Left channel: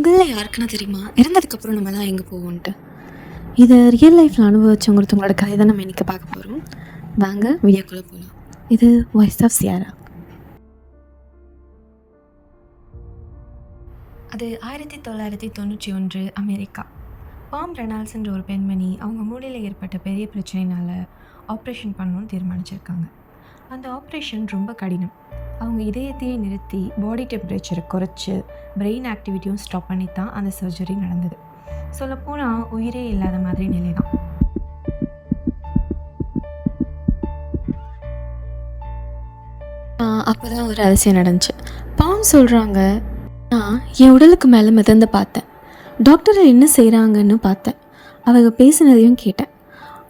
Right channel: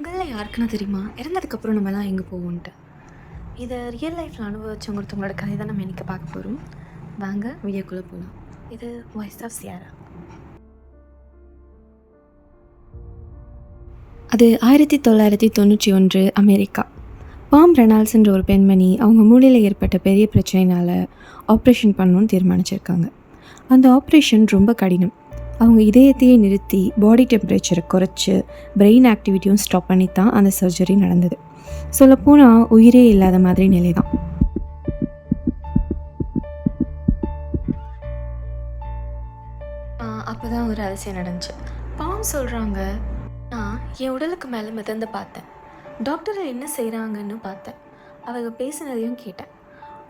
உங்களில் யாருக்குன்னு தெரியுமா இறந்ததுக்கப்புறம் நம்மலாம் எங்கே போவோன்ட்டு? இதை ரியல் லைஃப்பில் அனுபவிச்சவங்க ஒருத்தவங்களோட கதை தான் நம்ம இன்றைக்கி பார்க்க போகிறோம். வாங்க வீடியோக்குள்ளே போகலாம். இது வாய்ஸ் ஆஃப் சியாரா. அது 1991 அமெரிக்கா. பாம் ரெனால்ட்ஸ்ன்ற ஒரு பெண்மணி அவங்க மூளையில் ஏற்பட்ட பெரிய பிரச்சனையினால் ஆப்ரேஷன் பண்ணணும்னு தீர்மானிச்சிருக்காங்க. அந்த ஆப்ரேஷன் ரொம்ப கடினம். அவங்க இதயத்தையே நிறுத்தி பாடி டெம்பரேச்சரை குறைச்சி பிரெயின் ஆக்டிவிட்டியும் ஸ்டாப் பண்ணி தான் அந்த சர்ஜரி நடந்தது. சொல்லப்போனால் உயிரே இல்லாத மாதிரி நிலை தான். அப்போ தான் ஒரு அதிசயம் நடந்துச்சு. பாம் சொல்கிறாங்க, நான் என் உடலுக்கு மேலே மிதந்து பார்த்தேன். டாக்டர்கள் என்ன செய்கிறாங்கன்னு பார்த்தேன். அவங்க பேசினதையும் கேட்டேன்.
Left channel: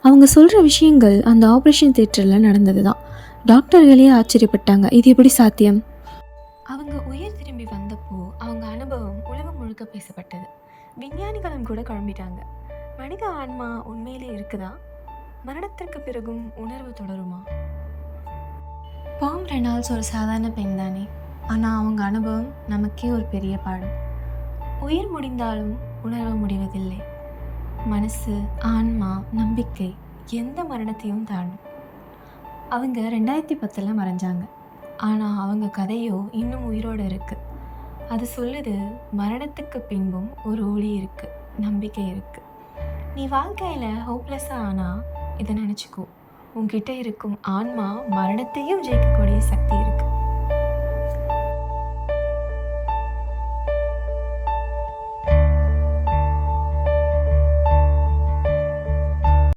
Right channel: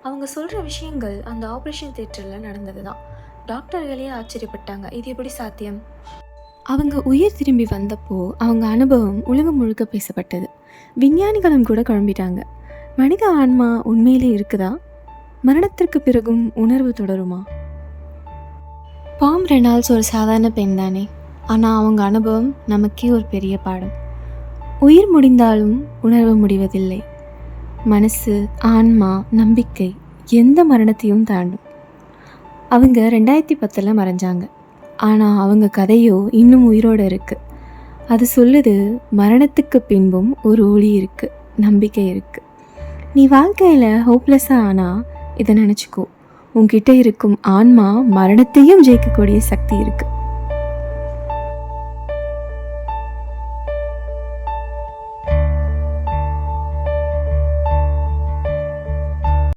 அவங்க சொல்கிற விஷயங்கள் அந்த ஆப்ரேஷன் தியேட்டரில் நடந்தது தான். டாக்டர்களே ஆச்சரியப்பட்டாங்க, இது எப்படி சாத்தியம்? அவங்க உயிர் திரும்பி வந்தப்போ அவங்க அனுபவம் உலகம் முழுக்க பேசப்பட்டது. விஞ்ஞானிகளும் கூட குழம்பிட்டாங்க. மனித ஆன்மா உண்மையிலே இருக்குதா? மரணத்திற்கு பிறகும் உணர்வு தொடருமா? பாம் ரெனால்ட்ஸ் ஒரு சாதாரண பெண் தானே, ஆனால் அவங்க அனுபவம் நமக்கே ஒரு பெரிய பாடம். உயிர் முடிந்தாலும் உணர்வு முடிவதில்லை. மனசு, ஆன்மா, நம்பிக்கை எந்த மரணத்தையும் தாண்டும். அவங்க 2010 மறைஞ்சாங்க. ஆனால் அவங்க கதையோ இன்னும் உயிரோடு இருக்குது. அது சொல்லுது, மரணத்துக்கு பின்பும் ஒரு ஒளி இருக்குது, நம்பிக்கை இருக்குது. நீ வாழ்க்கையில் ஹோப்லெஸ்ஸாக ஆனால் இதை நினச்சிக்கோ, உன்கிட்ட இருக்கும் ஆன்மா மரணத்தையும் ஜெயிக்கக்கூடிய சக்தி இருக்குது.